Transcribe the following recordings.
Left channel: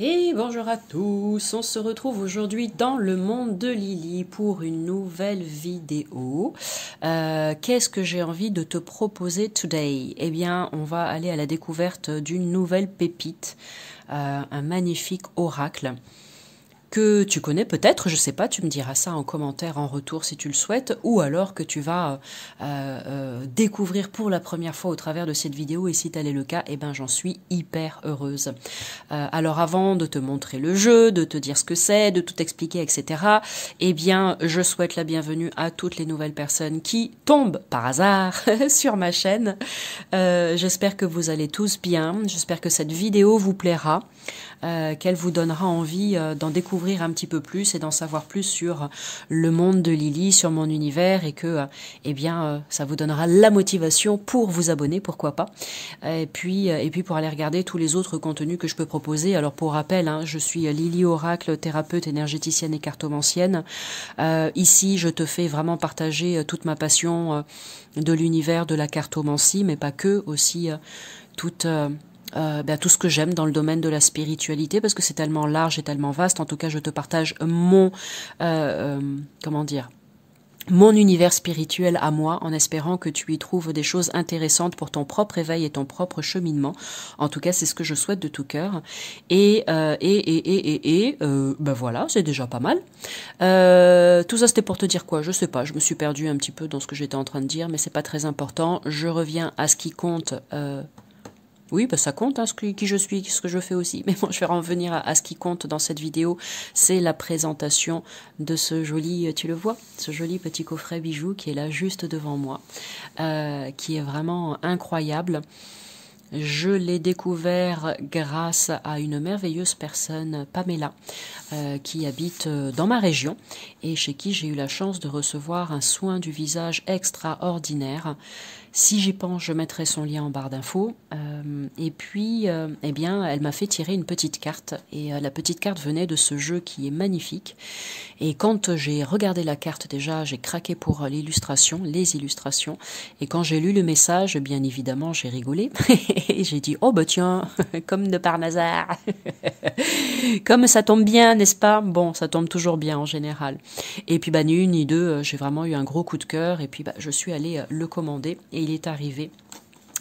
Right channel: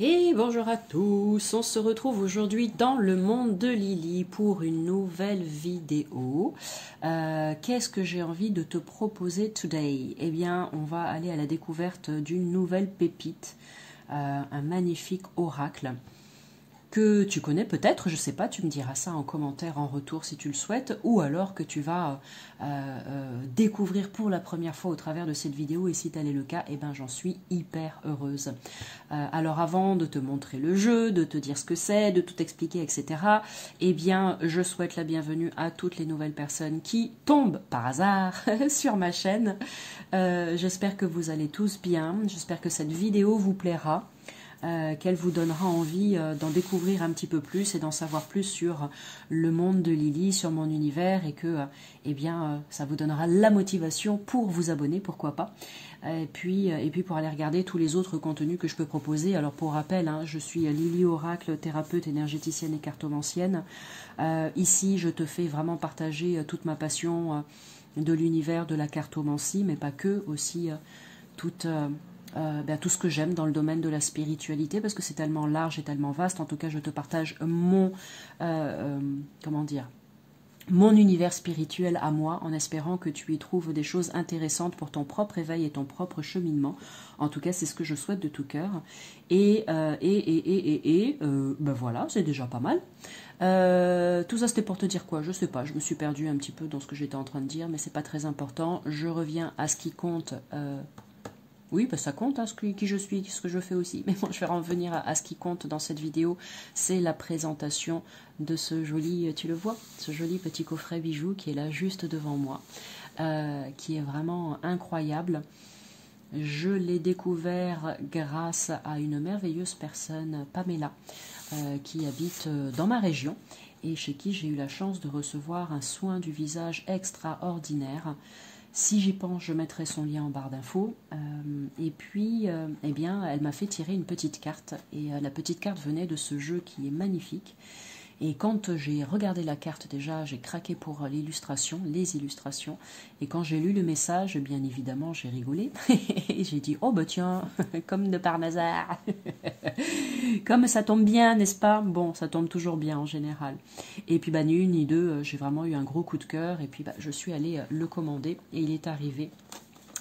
Et bonjour à tous, on se retrouve aujourd'hui dans le monde de Lily pour une nouvelle vidéo. Qu'est-ce que j'ai envie de te proposer today? Eh bien, on va aller à la découverte d'une nouvelle pépite, un magnifique oracle que tu connais peut-être, je sais pas, tu me diras ça en commentaire, en retour si tu le souhaites, ou alors que tu vas découvrir pour la première fois au travers de cette vidéo, et si tel est le cas, eh ben j'en suis hyper heureuse. Alors avant de te montrer le jeu, de te dire ce que c'est, de tout expliquer, etc., eh bien je souhaite la bienvenue à toutes les nouvelles personnes qui tombent par hasard sur ma chaîne. J'espère que vous allez tous bien, j'espère que cette vidéo vous plaira. Qu'elle vous donnera envie d'en découvrir un petit peu plus et d'en savoir plus sur le monde de Lily, sur mon univers, et que ça vous donnera la motivation pour vous abonner, pourquoi pas, et puis pour aller regarder tous les autres contenus que je peux proposer. Alors pour rappel, hein, je suis Lily Oracle, thérapeute énergéticienne et cartomancienne. Ici, je te fais vraiment partager toute ma passion de l'univers de la cartomancie, mais pas que, aussi tout ce que j'aime dans le domaine de la spiritualité, parce que c'est tellement large et tellement vaste. En tout cas, je te partage mon univers spirituel à moi, en espérant que tu y trouves des choses intéressantes pour ton propre éveil et ton propre cheminement. En tout cas, c'est ce que je souhaite de tout cœur. Voilà, c'est déjà pas mal. Tout ça, c'était pour te dire quoi? Je sais pas, je me suis perdue un petit peu dans ce que j'étais en train de dire, mais c'est pas très important. Je reviens à ce qui compte. Oui, bah ça compte, hein, qui je suis, ce que je fais aussi. Mais bon, je vais revenir à ce qui compte dans cette vidéo, c'est la présentation de ce joli, tu le vois, ce joli petit coffret bijou qui est là juste devant moi, qui est vraiment incroyable. Je l'ai découvert grâce à une merveilleuse personne, Pamela, qui habite dans ma région et chez qui j'ai eu la chance de recevoir un soin du visage extraordinaire. Si j'y pense, je mettrai son lien en barre d'infos. Elle m'a fait tirer une petite carte. Et la petite carte venait de ce jeu qui est magnifique. Et quand j'ai regardé la carte déjà, j'ai craqué pour l'illustration, les illustrations. Et quand j'ai lu le message, bien évidemment, j'ai rigolé. Et j'ai dit, oh bah tiens, comme de par hasard. Comme ça tombe bien, n'est-ce pas? Bon, ça tombe toujours bien en général. Et puis ni une ni deux, j'ai vraiment eu un gros coup de cœur. Et puis je suis allée le commander et il est arrivé.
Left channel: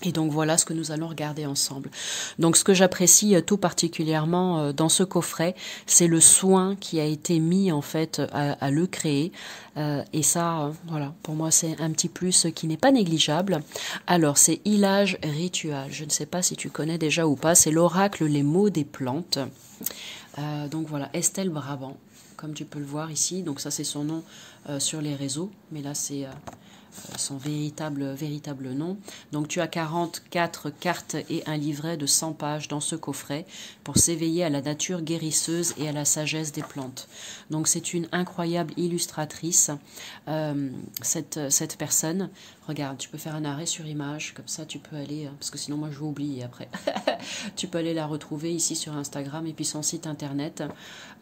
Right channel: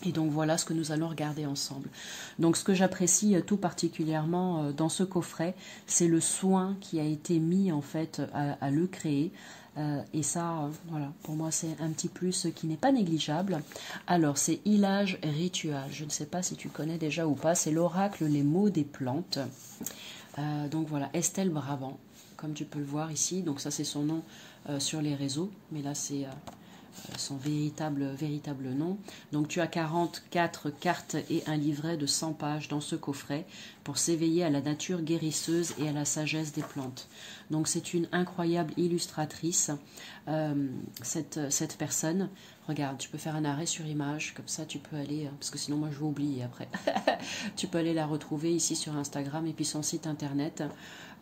Et donc voilà ce que nous allons regarder ensemble. Donc ce que j'apprécie tout particulièrement dans ce coffret, c'est le soin qui a été mis en fait à le créer. Et ça, voilà, pour moi c'est un petit plus qui n'est pas négligeable. Alors c'est Ilage Ritual, je ne sais pas si tu connais déjà ou pas, c'est l'oracle Les mots des plantes. Donc voilà, Estelle Brabant, comme tu peux le voir ici. Donc ça c'est son nom sur les réseaux, mais là c'est son véritable nom. Donc tu as 44 cartes et un livret de 100 pages dans ce coffret pour s'éveiller à la nature guérisseuse et à la sagesse des plantes. Donc c'est une incroyable illustratrice, cette personne. Regarde, tu peux faire un arrêt sur image, comme ça tu peux aller, parce que sinon moi je vais oublier après. Tu peux aller la retrouver ici sur Instagram et puis son site internet.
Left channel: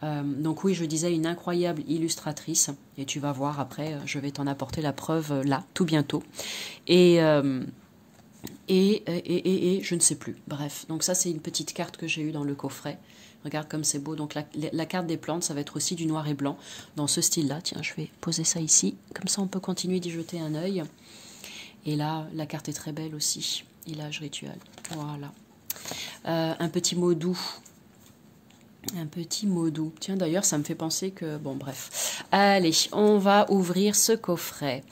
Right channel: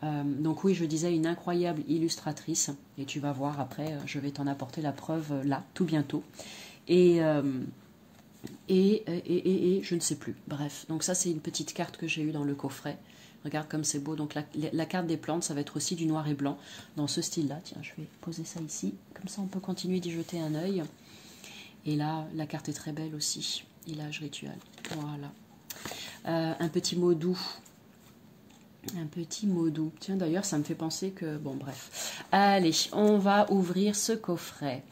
Donc oui, je disais une incroyable illustratrice, et tu vas voir après, je vais t'en apporter la preuve là, tout bientôt. Et je ne sais plus. Bref, donc ça c'est une petite carte que j'ai eue dans le coffret. Regarde comme c'est beau. Donc la carte des plantes, ça va être aussi du noir et blanc dans ce style-là. Tiens, je vais poser ça ici. Comme ça, on peut continuer d'y jeter un œil. Et là, la carte est très belle aussi. Ilage Ritual. Voilà. Un petit mot doux. Un petit mot doux. Tiens, d'ailleurs, ça me fait penser que... Bon, bref. Allez, on va ouvrir ce coffret.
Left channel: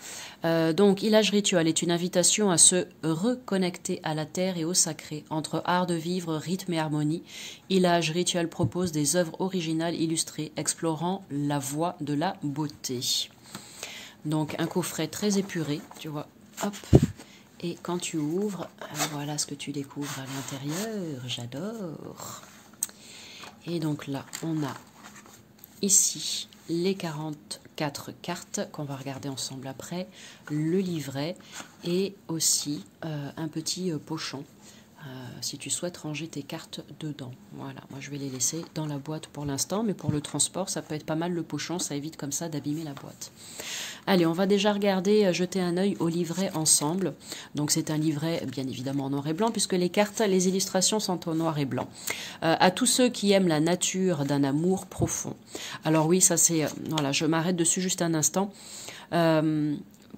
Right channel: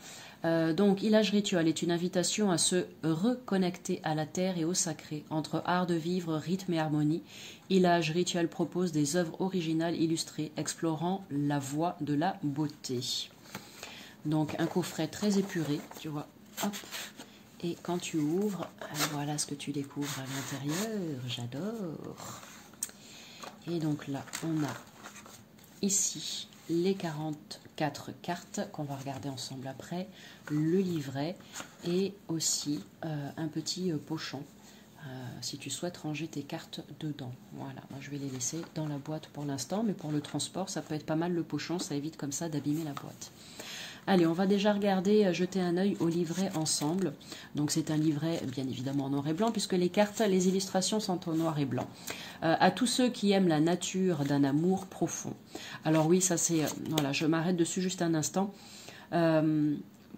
Donc, Ilage Ritual est une invitation à se reconnecter à la terre et au sacré. Entre art de vivre, rythme et harmonie, Ilage Ritual propose des œuvres originales illustrées, explorant la voie de la beauté. Donc, un coffret très épuré, tu vois. Hop. Et quand tu ouvres, voilà ce que tu découvres à l'intérieur. J'adore. Et donc là, on a ici les 44 cartes qu'on va regarder ensemble après, le livret et aussi un petit pochon si tu souhaites ranger tes cartes dedans. Voilà, moi je vais les laisser dans la boîte pour l'instant, mais pour le transport, ça peut être pas mal le pochon, ça évite comme ça d'abîmer la boîte. Allez, on va déjà regarder, jeter un œil au livret ensemble. Donc c'est un livret bien évidemment en noir et blanc puisque les cartes, les illustrations sont en noir et blanc. À tous ceux qui aiment la nature d'un amour profond. Alors oui, ça c'est... voilà, je m'arrête dessus juste un instant.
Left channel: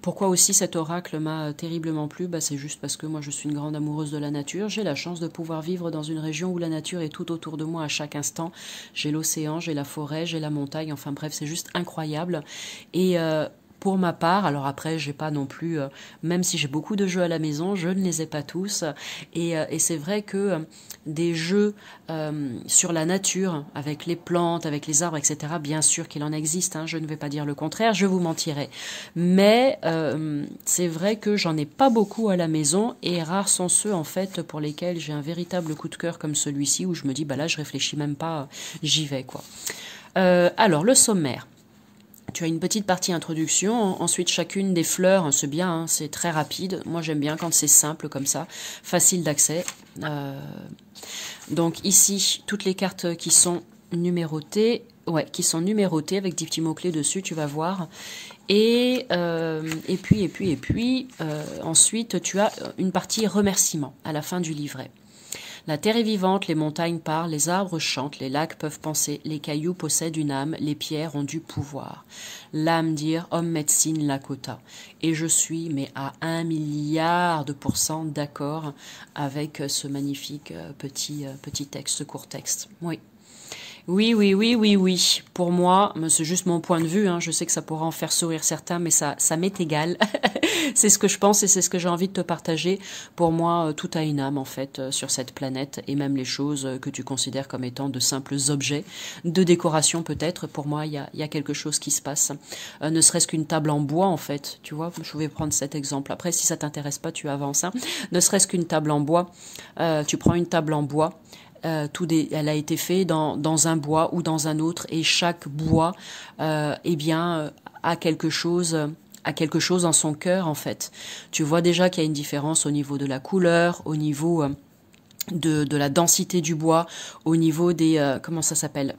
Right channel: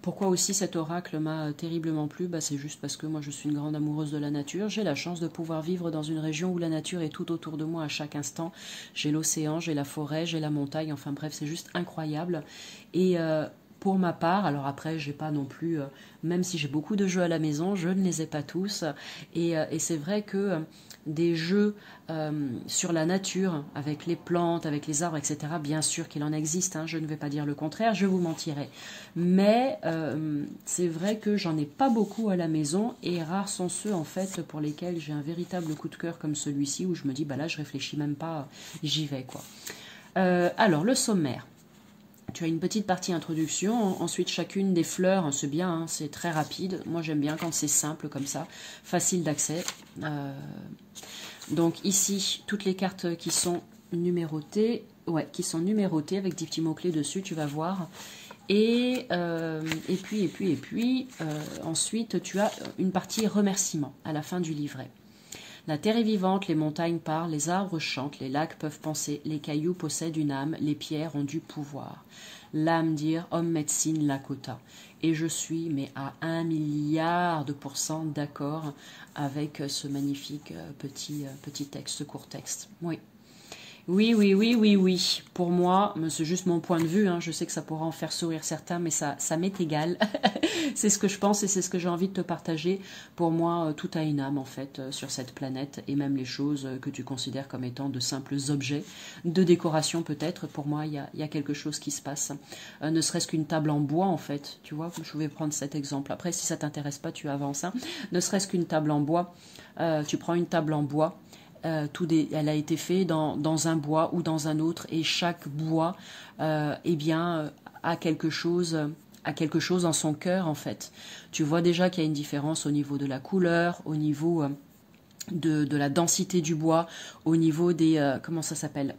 Pourquoi aussi cet oracle m'a terriblement plu? C'est juste parce que moi je suis une grande amoureuse de la nature. J'ai la chance de pouvoir vivre dans une région où la nature est tout autour de moi à chaque instant. J'ai l'océan, j'ai la forêt, j'ai la montagne, enfin bref, c'est juste incroyable. Et pour ma part, alors après, j'ai pas non plus, même si j'ai beaucoup de jeux à la maison, je ne les ai pas tous. Et c'est vrai que des jeux sur la nature, avec les plantes, avec les arbres, etc., bien sûr qu'il en existe, hein, je ne vais pas dire le contraire, je vous mentirais. Mais c'est vrai que j'en ai pas beaucoup à la maison et rares sont ceux, en fait, pour lesquels j'ai un véritable coup de cœur comme celui-ci, où je me dis, bah là, je réfléchis même pas, j'y vais, quoi. Alors, le sommaire. Tu as une petite partie introduction, ensuite chacune des fleurs, c'est bien, hein, c'est très rapide. Moi j'aime bien quand c'est simple comme ça, facile d'accès. Donc ici, toutes les cartes qui sont numérotées, avec des petits mots-clés dessus, tu vas voir. Et puis, ensuite tu as une partie remerciement à la fin du livret. La terre est vivante, les montagnes parlent, les arbres chantent, les lacs peuvent penser, les cailloux possèdent une âme, les pierres ont du pouvoir. L'âme dire, homme médecine Lakota. Et je suis, mais à 1 milliard de % d'accord avec ce magnifique petit texte, court texte. Oui. Oui. Pour moi, c'est juste mon point de vue. Hein. Je sais que ça pourra en faire sourire certains, mais ça m'est égal. C'est ce que je pense et c'est ce que j'ai envie de te partager. Pour moi, tout a une âme, en fait, sur cette planète. Et même les choses que tu considères comme étant de simples objets, de décoration peut-être. Pour moi, il y a quelque chose qui se passe. Ne serait-ce qu'une table en bois, en fait. Tu vois, je vais prendre cet exemple. Après, si ça t'intéresse pas, tu avances. Hein. Ne serait-ce qu'une table en bois. Tu prends une table en bois. Elle a été faite dans un bois ou dans un autre et chaque bois a quelque chose dans son cœur en fait. Tu vois déjà qu'il y a une différence au niveau de la couleur, au niveau de la densité du bois, au niveau des comment ça s'appelle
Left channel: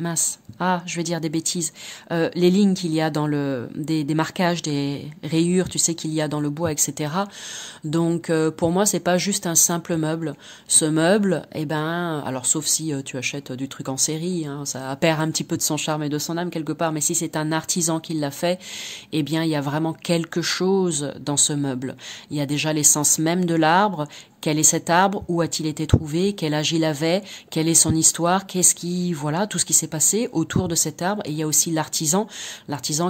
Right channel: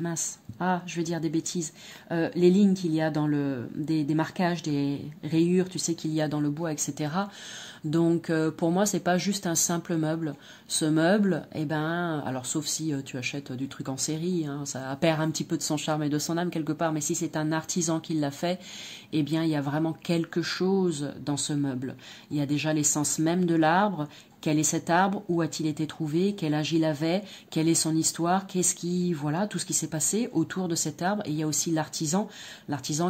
mince, je vais dire des bêtises. Les lignes qu'il y a dans des marquages, des rayures, tu sais qu'il y a dans le bois, etc. Donc pour moi c'est pas juste un simple meuble. Ce meuble, alors sauf si tu achètes du truc en série, hein, ça perd un petit peu de son charme et de son âme quelque part. Mais si c'est un artisan qui l'a fait, il y a vraiment quelque chose dans ce meuble. Il y a déjà l'essence même de l'arbre. Quel est cet arbre? Où a-t-il été trouvé? Quel âge il avait? Quelle est son histoire? Tout ce qui s'est passé autour de cet arbre. Et il y a aussi l'artisan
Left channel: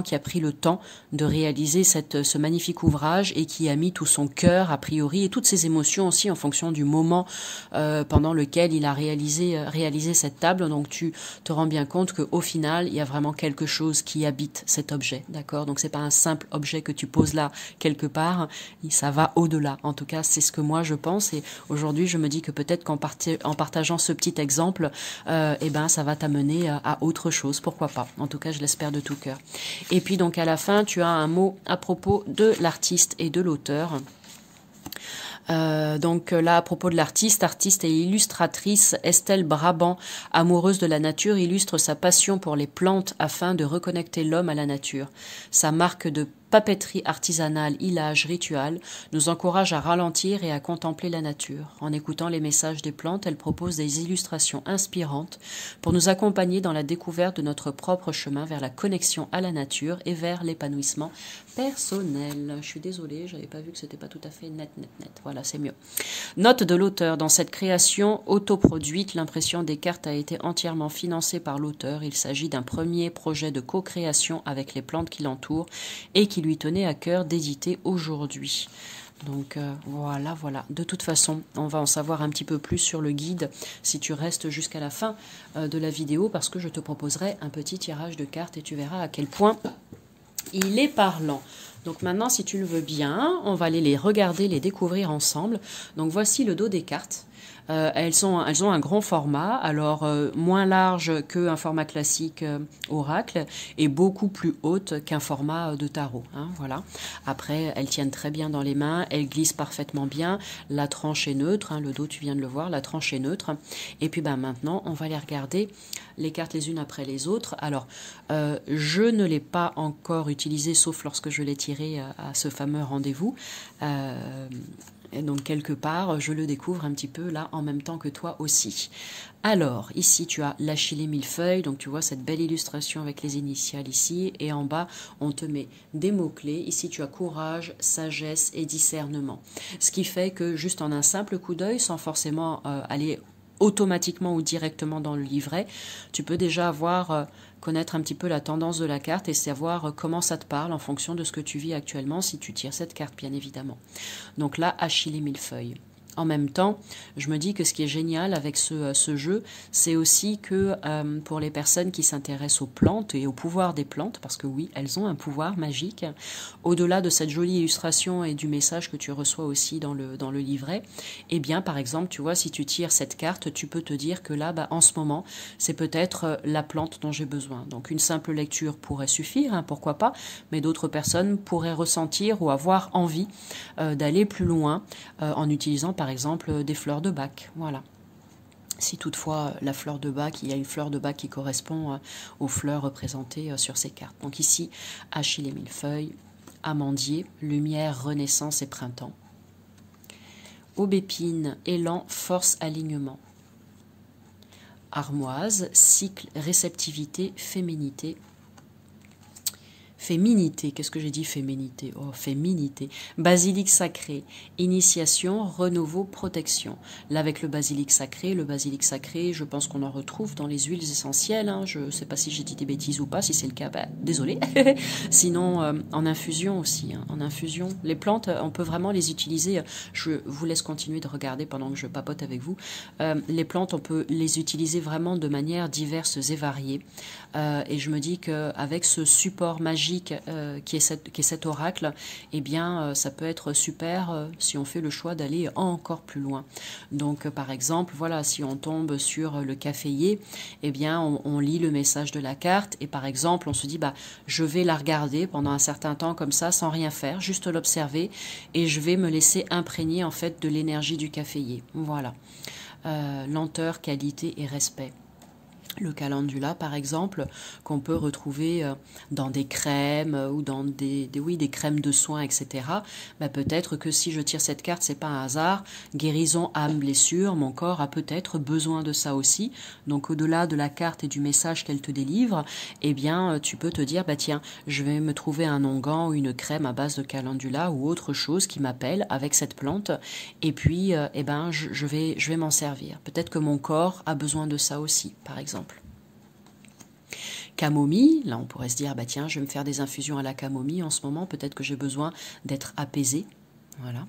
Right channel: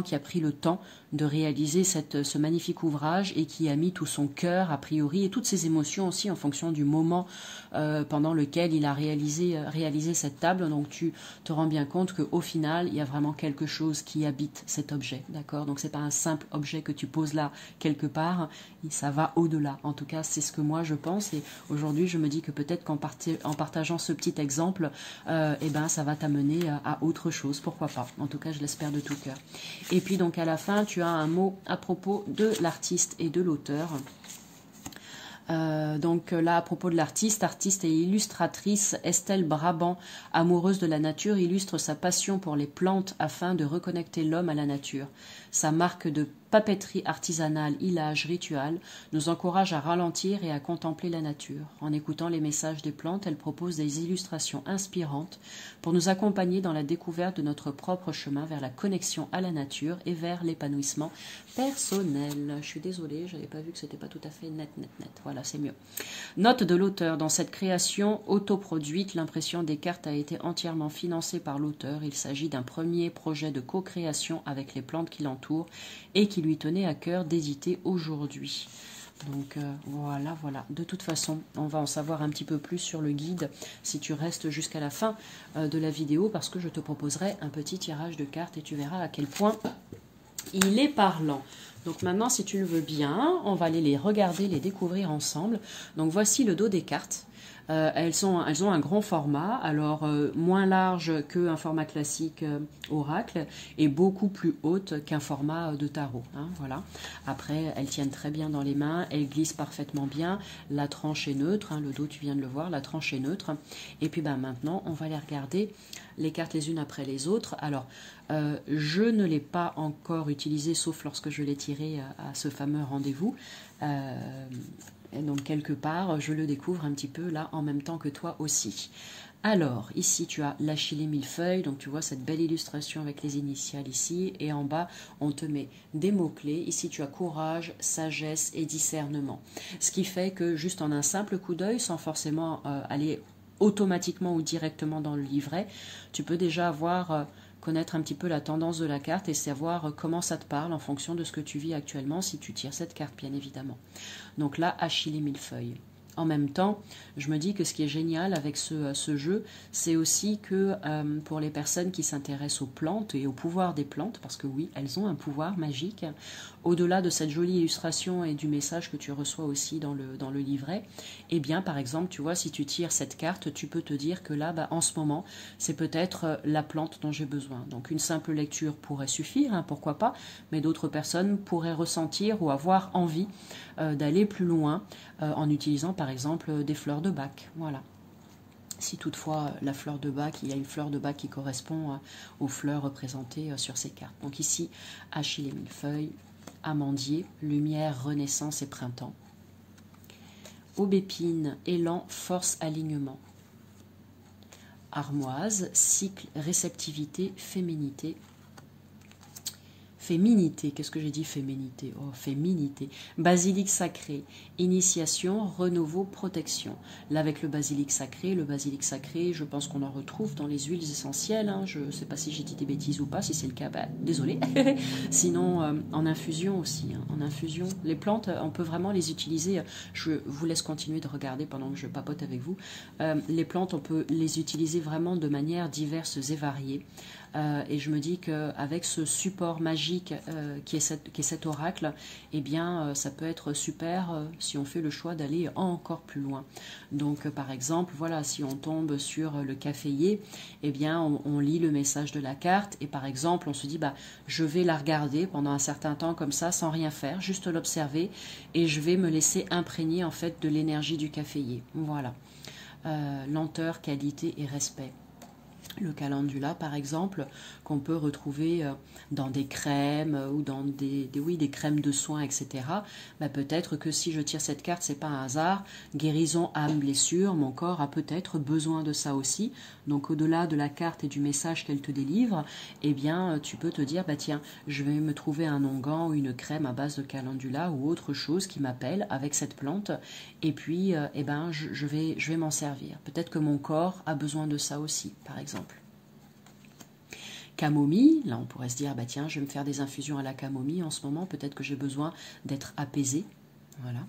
qui a pris le temps de réaliser ce magnifique ouvrage et qui a mis tout son cœur, a priori, et toutes ses émotions aussi en fonction du moment pendant lequel il a réalisé cette table. Donc tu te rends bien compte qu'au final, il y a vraiment quelque chose qui habite cet objet. D'accord? Donc c'est pas un simple objet que tu poses là quelque part. Ça va au-delà. En tout cas, c'est ce que moi je pense. Et aujourd'hui, je me dis que peut-être qu'en partageant ce petit exemple, ça va t'amener à autre chose. Pourquoi pas? En tout cas, je l'espère de tout cœur. Et puis donc à la fin, tu as un mot à propos de l'artiste et de l'auteur. Donc là, à propos de l'artiste et illustratrice Estelle Brabant, amoureuse de la nature, illustre sa passion pour les plantes afin de reconnecter l'homme à la nature. Sa marque de papeterie artisanale, Illage Ritual, nous encourage à ralentir et à contempler la nature. En écoutant les messages des plantes, elle propose des illustrations inspirantes pour nous accompagner dans la découverte de notre propre chemin vers la connexion à la nature et vers l'épanouissement personnel. Je suis désolée, j'avais pas vu que c'était pas tout à fait net. Voilà, c'est mieux. Note de l'auteur. Dans cette création autoproduite, l'impression des cartes a été entièrement financée par l'auteur. Il s'agit d'un premier projet de co-création avec les plantes qui l'entourent et qui lui tenait à cœur d'éditer aujourd'hui. Donc voilà. De toute façon, on va en savoir un petit peu plus sur le guide si tu restes jusqu'à la fin de la vidéo parce que je te proposerai un petit tirage de cartes et tu verras à quel point il est parlant. Donc maintenant, si tu le veux bien, on va aller les regarder, les découvrir ensemble. Donc voici le dos des cartes. Elles ont un grand format, alors moins large qu'un format classique oracle et beaucoup plus haute qu'un format de tarot. Hein, voilà. Après, elles tiennent très bien dans les mains, elles glissent parfaitement bien, la tranche est neutre, hein, le dos tu viens de le voir, la tranche est neutre. Et puis maintenant, on va les regarder les cartes les unes après les autres. Alors, je ne l'ai pas encore utilisé, sauf lorsque je l'ai tiré à ce fameux rendez-vous. Et donc, quelque part, je le découvre un petit peu là, en même temps que toi aussi. Alors, ici, tu as l'Achillée millefeuille. Donc, tu vois cette belle illustration avec les initiales ici. Et en bas, on te met des mots-clés. Ici, tu as courage, sagesse et discernement. Ce qui fait que, juste en un simple coup d'œil, sans forcément aller automatiquement ou directement dans le livret, tu peux déjà connaître un petit peu la tendance de la carte et savoir comment ça te parle en fonction de ce que tu vis actuellement si tu tires cette carte, bien évidemment. Donc là, Achillée millefeuille. En même temps, je me dis que ce qui est génial avec ce jeu, c'est aussi que pour les personnes qui s'intéressent aux plantes et au pouvoir des plantes, parce que oui, elles ont un pouvoir magique, au-delà de cette jolie illustration et du message que tu reçois aussi dans le livret, eh bien, par exemple, tu vois, si tu tires cette carte, tu peux te dire que là, en ce moment, c'est peut-être la plante dont j'ai besoin. Donc, une simple lecture pourrait suffire, hein, pourquoi pas, mais d'autres personnes pourraient ressentir ou avoir envie d'aller plus loin en utilisant, par exemple, des fleurs de bac. Voilà. Si toutefois la fleur de bac, il y a une fleur de bac qui correspond aux fleurs représentées sur ces cartes. Donc ici, Achillée millefeuille, amandier, lumière, renaissance et printemps. Aubépine, élan, force, alignement. Armoise, cycle, réceptivité, féminité. Féminité, qu'est-ce que j'ai dit féminité? Oh, féminité. Basilic sacré, initiation, renouveau, protection. Là, avec le basilic sacré, je pense qu'on en retrouve dans les huiles essentielles. Hein. Je ne sais pas si j'ai dit des bêtises ou pas, si c'est le cas, désolé. Sinon, en infusion aussi. Hein. En infusion, les plantes, on peut vraiment les utiliser. Je vous laisse continuer de regarder pendant que je papote avec vous. Les plantes, on peut les utiliser vraiment de manière diverses et variées. Et je me dis qu'avec ce support magique qui est cet oracle, eh bien, ça peut être super si on fait le choix d'aller encore plus loin. Donc, par exemple, voilà, si on tombe sur le caféier, eh bien, on lit le message de la carte et, par exemple, on se dit, je vais la regarder pendant un certain temps comme ça, sans rien faire, juste l'observer et je vais me laisser imprégner, en fait, de l'énergie du caféier. Voilà. Lenteur, qualité et respect. Le calendula, par exemple, qu'on peut retrouver dans des crèmes ou dans des crèmes de soins, etc. Peut-être que si je tire cette carte, c'est pas un hasard. Guérison, âme, blessure, mon corps a peut-être besoin de ça aussi. Donc, au-delà de la carte et du message qu'elle te délivre, eh bien, tu peux te dire, tiens, je vais me trouver un onguent ou une crème à base de calendula ou autre chose qui m'appelle avec cette plante. Et puis, je vais m'en servir. Peut-être que mon corps a besoin de ça aussi, par exemple. Camomille, là on pourrait se dire, tiens, je vais me faire des infusions à la camomille en ce moment, peut-être que j'ai besoin d'être apaisé. Voilà.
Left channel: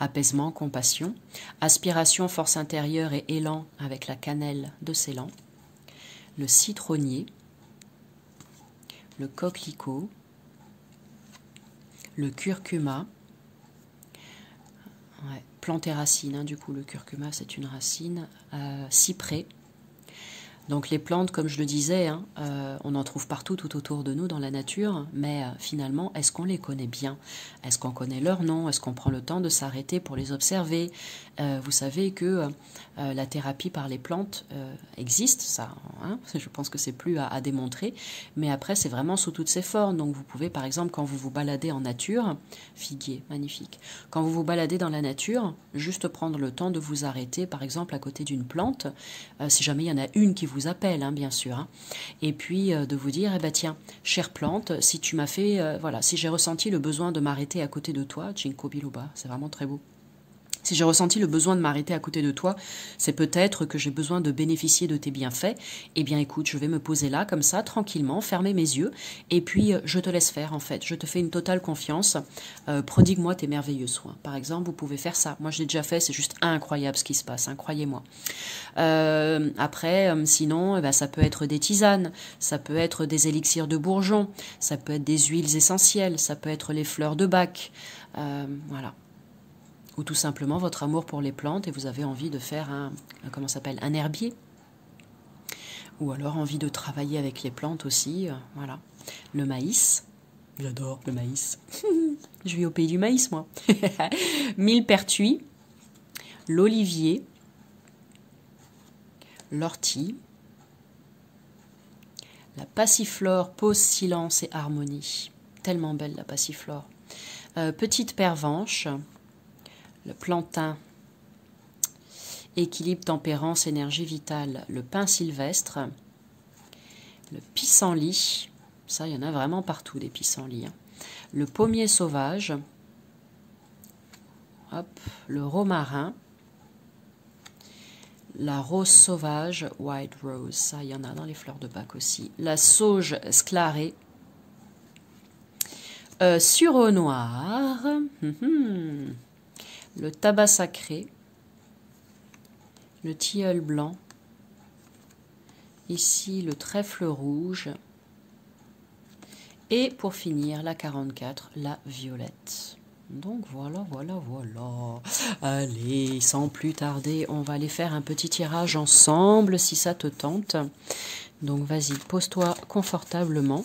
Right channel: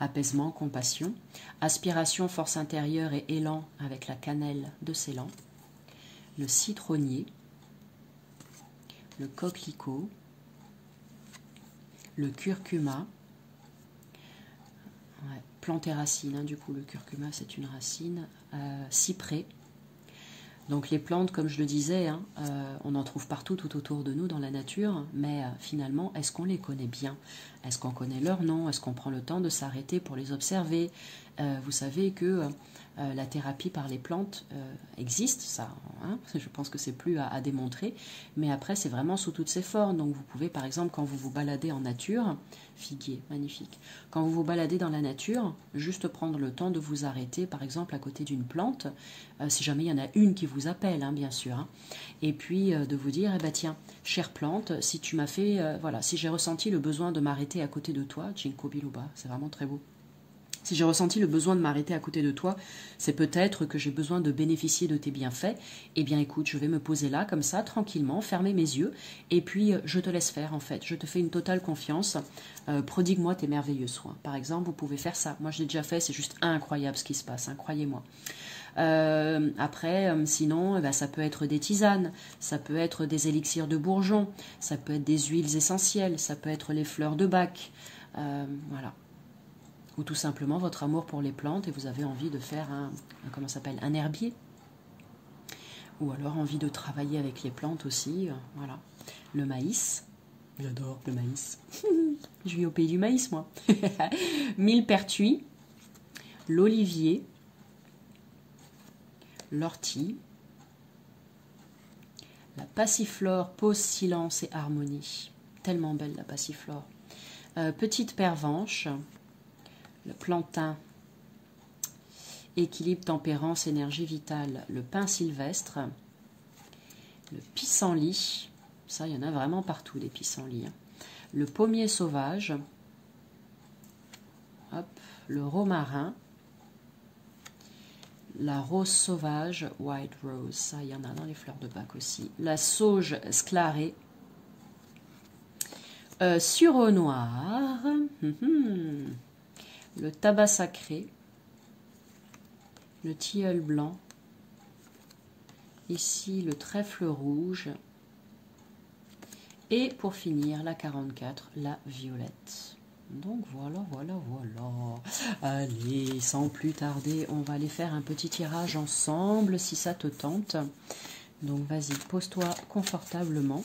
Apaisement, compassion. Aspiration, force intérieure et élan avec la cannelle de Ceylan. Le citronnier. Le coquelicot. Le curcuma. Ouais, plante et racine, hein, du coup le curcuma c'est une racine. Cyprès. Donc les plantes, comme je le disais, hein, on en trouve partout tout autour de nous dans la nature, mais finalement, est-ce qu'on les connaît bien? Est-ce qu'on connaît leur nom? Est-ce qu'on prend le temps de s'arrêter pour les observer? Vous savez que la thérapie par les plantes existe, ça, hein, je pense que c'est plus à démontrer, mais après c'est vraiment sous toutes ses formes. Donc vous pouvez par exemple quand vous vous baladez en nature, figuier, magnifique, quand vous vous baladez dans la nature, juste prendre le temps de vous arrêter par exemple à côté d'une plante, si jamais il y en a une qui vous appelle, hein, bien sûr, hein, et puis de vous dire, tiens, chère plante, si tu m'as fait, voilà, si j'ai ressenti le besoin de m'arrêter à côté de toi, Ginkgo biloba, c'est vraiment très beau. Si j'ai ressenti le besoin de m'arrêter à côté de toi, c'est peut-être que j'ai besoin de bénéficier de tes bienfaits. Eh bien, écoute, je vais me poser là, comme ça, tranquillement, fermer mes yeux, et puis je te laisse faire, en fait. Je te fais une totale confiance. Prodigue-moi tes merveilleux soins. Par exemple, vous pouvez faire ça. Moi, je l'ai déjà fait, c'est juste incroyable ce qui se passe, hein, croyez-moi. Après, sinon, ça peut être des tisanes, ça peut être des élixirs de bourgeon, ça peut être des huiles essentielles, ça peut être les fleurs de bac, voilà. ou tout simplement votre amour pour les plantes et vous avez envie de faire comment ça s'appelle, un herbier. Ou alors envie de travailler avec les plantes aussi, voilà. Le maïs, j'adore le maïs. Je vis au pays du maïs, moi. Millepertuis, l'olivier, l'ortie, la passiflore, pause, silence et harmonie. Tellement belle la passiflore. Petite pervenche, le plantain, équilibre, tempérance, énergie vitale, le pin sylvestre, le pissenlit, ça il y en a vraiment partout des pissenlits, hein. Le pommier sauvage, hop, le romarin, la rose sauvage, white rose, ça il y en a dans les fleurs de bac aussi, la sauge sclarée, sureau noir, le tabac sacré, le tilleul blanc, ici le trèfle rouge, et pour finir la 44, la violette. Donc voilà. Allez, sans plus tarder, on va aller faire un petit tirage ensemble si ça te tente. Donc vas-y, pose-toi confortablement.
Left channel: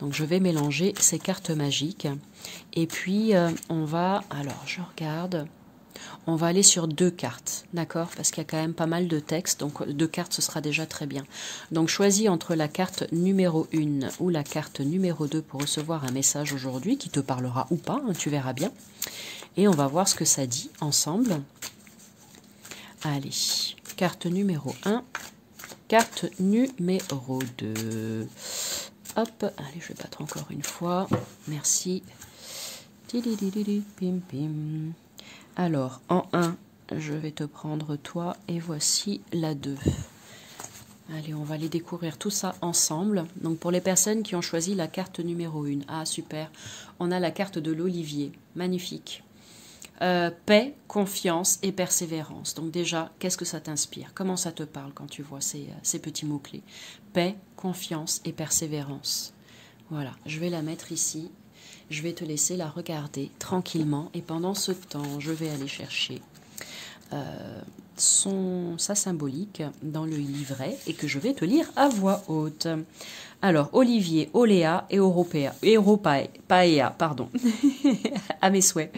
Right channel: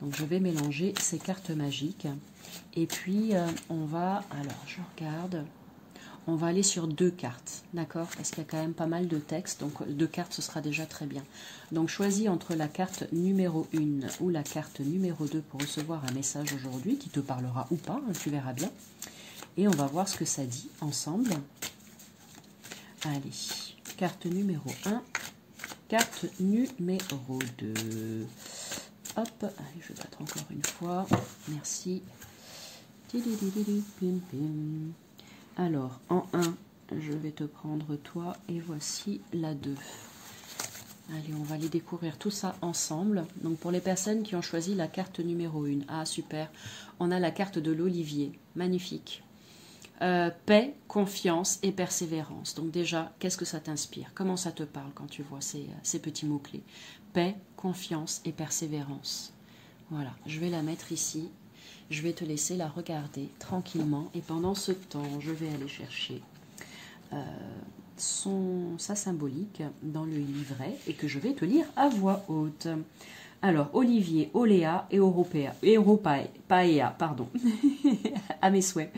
Donc je vais mélanger ces cartes magiques. Et puis on va, alors je regarde, on va aller sur 2 cartes, d'accord? Parce qu'il y a quand même pas mal de textes, donc 2 cartes ce sera déjà très bien. Donc choisis entre la carte numéro 1 ou la carte numéro 2 pour recevoir un message aujourd'hui qui te parlera ou pas, hein, tu verras bien. Et on va voir ce que ça dit ensemble. Allez, carte numéro 1, carte numéro 2. Hop, allez, je vais battre encore une fois. Merci. Pim, pim. Alors, en 1, je vais te prendre toi et voici la 2. Allez, on va aller découvrir tout ça ensemble. Donc, pour les personnes qui ont choisi la carte numéro 1, ah super, on a la carte de l'olivier, magnifique. Paix, confiance et persévérance. Donc déjà, qu'est-ce que ça t'inspire? Comment ça te parle quand tu vois ces petits mots-clés? Paix, confiance et persévérance. Voilà, je vais la mettre ici. Je vais te laisser la regarder tranquillement et pendant ce temps, je vais aller chercher sa symbolique dans le livret et que je vais te lire à voix haute. Alors, Olivier, Oléa et Paea, pardon, à mes souhaits.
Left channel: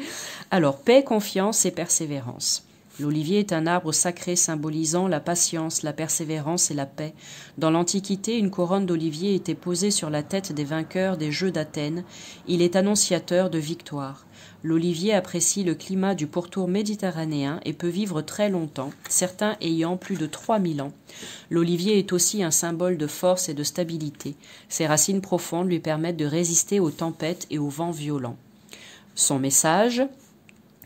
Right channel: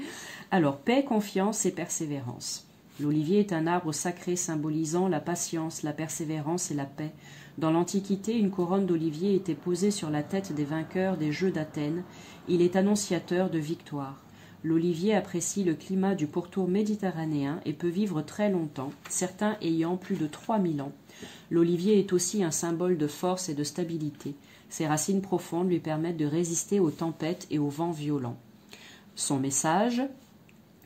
Alors, paix, confiance et persévérance. L'olivier est un arbre sacré symbolisant la patience, la persévérance et la paix. Dans l'Antiquité, une couronne d'olivier était posée sur la tête des vainqueurs des Jeux d'Athènes. Il est annonciateur de victoire. L'olivier apprécie le climat du pourtour méditerranéen et peut vivre très longtemps, certains ayant plus de 3000 ans. L'olivier est aussi un symbole de force et de stabilité. Ses racines profondes lui permettent de résister aux tempêtes et aux vents violents. Son message:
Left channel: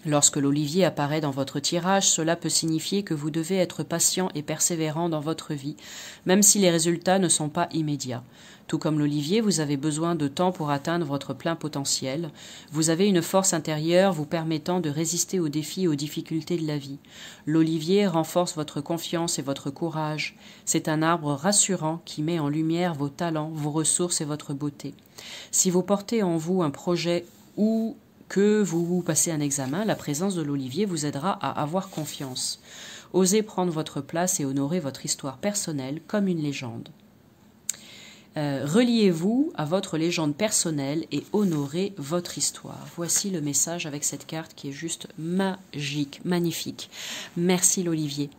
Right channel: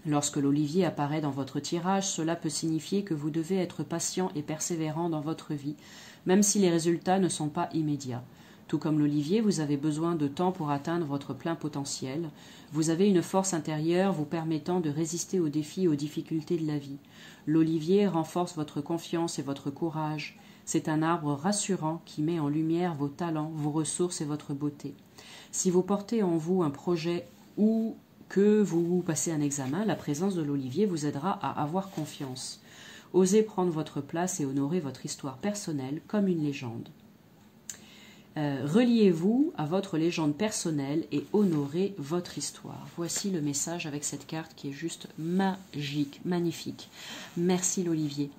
lorsque l'olivier apparaît dans votre tirage, cela peut signifier que vous devez être patient et persévérant dans votre vie, même si les résultats ne sont pas immédiats. Tout comme l'olivier, vous avez besoin de temps pour atteindre votre plein potentiel. Vous avez une force intérieure vous permettant de résister aux défis et aux difficultés de la vie. L'olivier renforce votre confiance et votre courage. C'est un arbre rassurant qui met en lumière vos talents, vos ressources et votre beauté. Si vous portez en vous un projet ou que vous passez un examen, la présence de l'olivier vous aidera à avoir confiance. Osez prendre votre place et honorer votre histoire personnelle comme une légende. Reliez-vous à votre légende personnelle et honorez votre histoire. Voici le message avec cette carte qui est juste magique, magnifique. Merci l'olivier.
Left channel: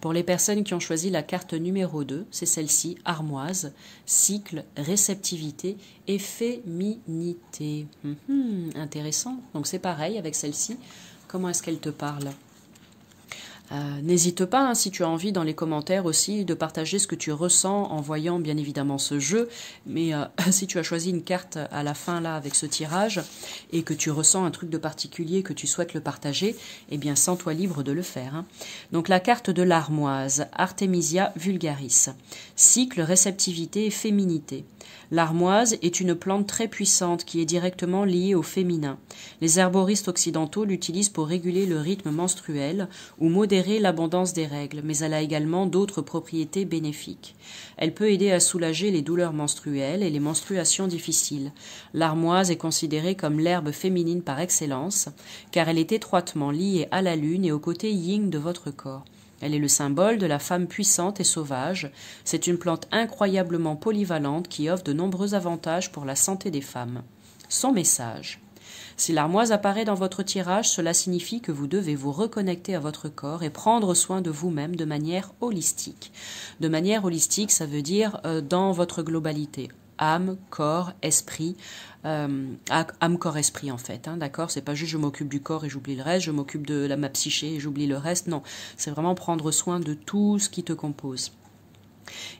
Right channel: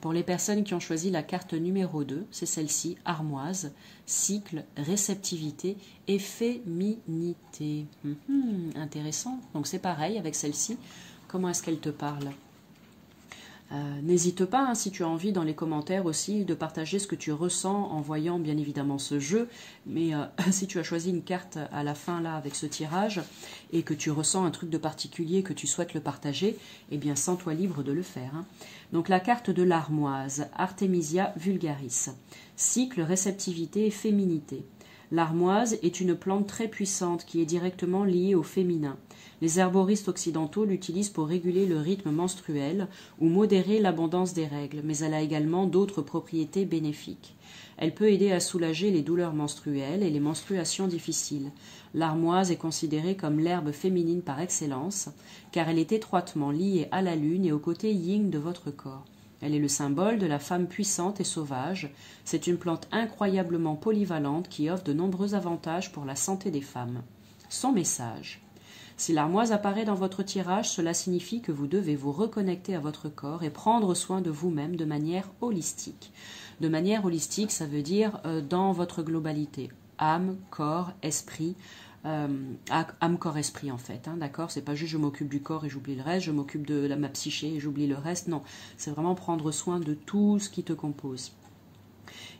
Pour les personnes qui ont choisi la carte numéro 2, c'est celle-ci, armoise, cycle, réceptivité et féminité. Intéressant. Donc c'est pareil avec celle-ci. Comment est-ce qu'elle te parle ? N'hésite pas, hein, si tu as envie, dans les commentaires aussi, de partager ce que tu ressens en voyant bien évidemment ce jeu. Mais si tu as choisi une carte à la fin là avec ce tirage et que tu ressens un truc de particulier, que tu souhaites le partager, eh bien sens-toi libre de le faire, hein. Donc la carte de l'armoise, Artemisia vulgaris. Cycle, réceptivité et féminité. L'armoise est une plante très puissante qui est directement liée au féminin. Les herboristes occidentaux l'utilisent pour réguler le rythme menstruel ou modérer l'abondance des règles, mais elle a également d'autres propriétés bénéfiques. Elle peut aider à soulager les douleurs menstruelles et les menstruations difficiles. L'armoise est considérée comme l'herbe féminine par excellence, car elle est étroitement liée à la lune et au côté yin de votre corps. Elle est le symbole de la femme puissante et sauvage. C'est une plante incroyablement polyvalente qui offre de nombreux avantages pour la santé des femmes. Son message. Si l'armoise apparaît dans votre tirage, cela signifie que vous devez vous reconnecter à votre corps et prendre soin de vous-même de manière holistique. De manière holistique, ça veut dire dans votre globalité. Âme, corps, esprit, âme, corps, esprit en fait, hein, d'accord? C'est pas juste je m'occupe du corps et j'oublie le reste, je m'occupe de ma psyché et j'oublie le reste, non. C'est vraiment prendre soin de tout ce qui te compose.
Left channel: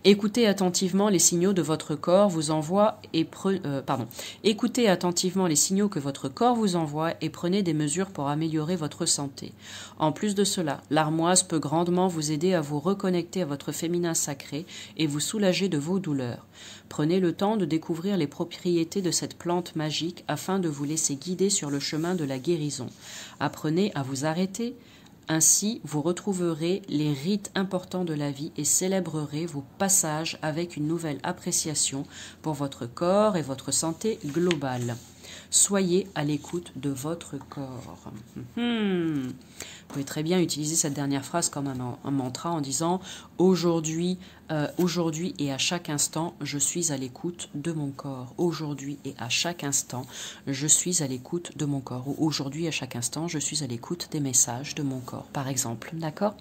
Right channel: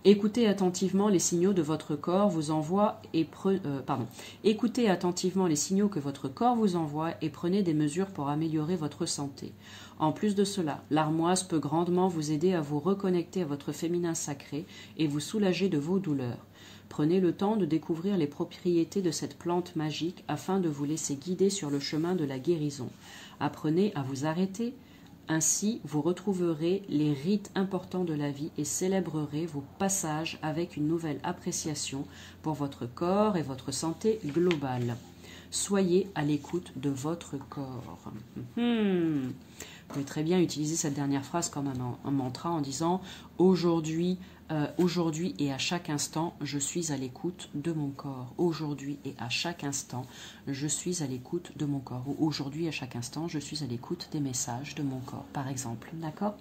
Écoutez attentivement les signaux de votre corps vous envoie et Écoutez attentivement les signaux que votre corps vous envoie et prenez des mesures pour améliorer votre santé. En plus de cela, l'armoise peut grandement vous aider à vous reconnecter à votre féminin sacré et vous soulager de vos douleurs. Prenez le temps de découvrir les propriétés de cette plante magique afin de vous laisser guider sur le chemin de la guérison. Apprenez à vous arrêter. Ainsi, vous retrouverez les rites importants de la vie et célébrerez vos passages avec une nouvelle appréciation pour votre corps et votre santé globale. Soyez à l'écoute de votre corps. Vous pouvez très bien utiliser cette dernière phrase comme un mantra en disant « Aujourd'hui et à chaque instant, je suis à l'écoute de mon corps. Aujourd'hui et à chaque instant, je suis à l'écoute de mon corps. » Ou « Aujourd'hui, à chaque instant, je suis à l'écoute des messages de mon corps. » Par exemple, d'accord?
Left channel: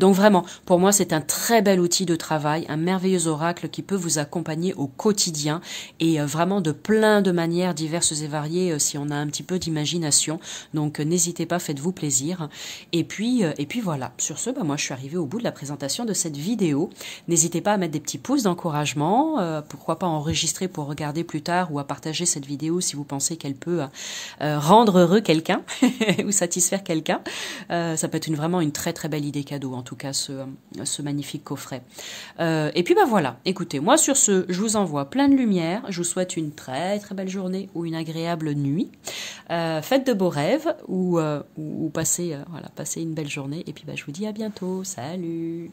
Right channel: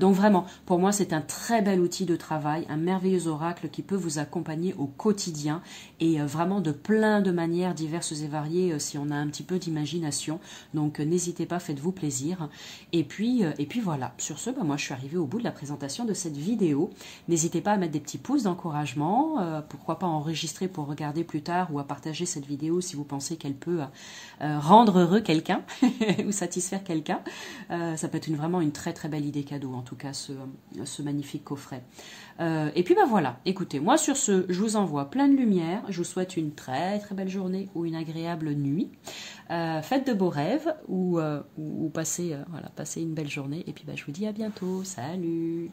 Donc vraiment, pour moi, c'est un très bel outil de travail, un merveilleux oracle qui peut vous accompagner au quotidien et vraiment de plein de manières diverses et variées si on a un petit peu d'imagination. Donc n'hésitez pas, faites-vous plaisir. Et puis voilà, sur ce, moi je suis arrivée au bout de la présentation de cette vidéo. N'hésitez pas à mettre des petits pouces d'encouragement, pourquoi pas enregistrer pour regarder plus tard ou à partager cette vidéo si vous pensez qu'elle peut rendre heureux quelqu'un ou satisfaire quelqu'un. Ça peut être vraiment une très très belle idée cadeau, en tout cas ce magnifique coffret. Et puis voilà, écoutez, moi sur ce, je vous envoie plein de lumière, je vous souhaite une très très belle journée ou une agréable nuit. Faites de beaux rêves ou passez une belle journée et puis je vous dis à bientôt. Salut!